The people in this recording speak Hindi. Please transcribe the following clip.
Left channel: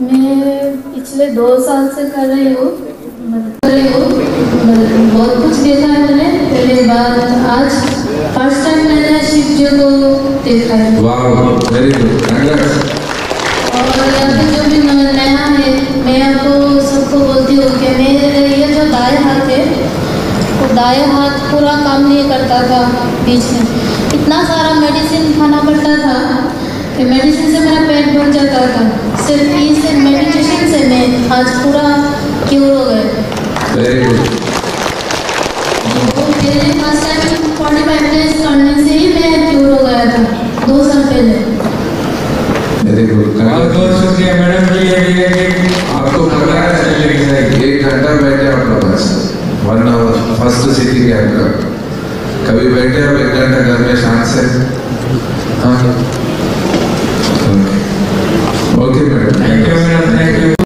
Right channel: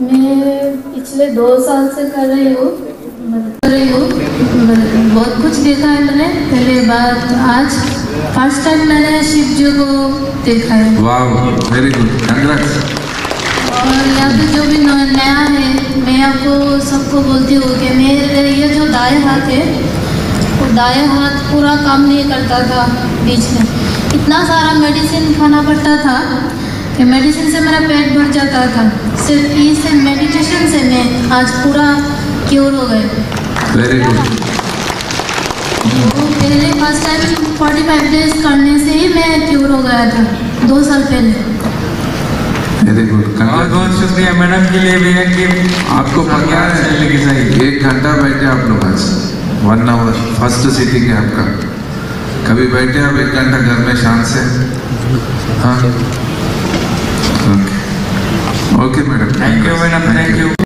मैं पिछले 2 साल से कर रही हूँ। बहुत कुछ देखा है मैंने। पहले बार आज फर्स्ट टाइम मैंने शिव जी को देखा है। वाह, वेरी गुड, कंग्रेट्स। और यहाँ पे जो भी नया है, मैं आपको सबको बोलती हूँ कि मेरे ये जो दाएं हाथ है, वो दाएं हाथ पूरा काम नहीं करता था। बीच में इतना सारा मेडिसिन खाना पड़ता था कि मेडिसिन से मेरा पेट भर जाता था। सिर्फ इस मेडिटेशन से मैं आज पूरा क्योर हो गए। Very good. वो पहले फर्स्ट टाइम 45 डेज करने से ही मैं क्योर हो गया था 2 साल पहले। वेरी गुड, बहुत बहुत शुक्रिया मैडम के लिए भी है कि आपको पता है 1 घंटा बैठे आप लोग आज 1 आवर फर्स्ट सिटिंग है आपका। कभी बैठे आप 1 घंटा घर में शांत से? हाँ,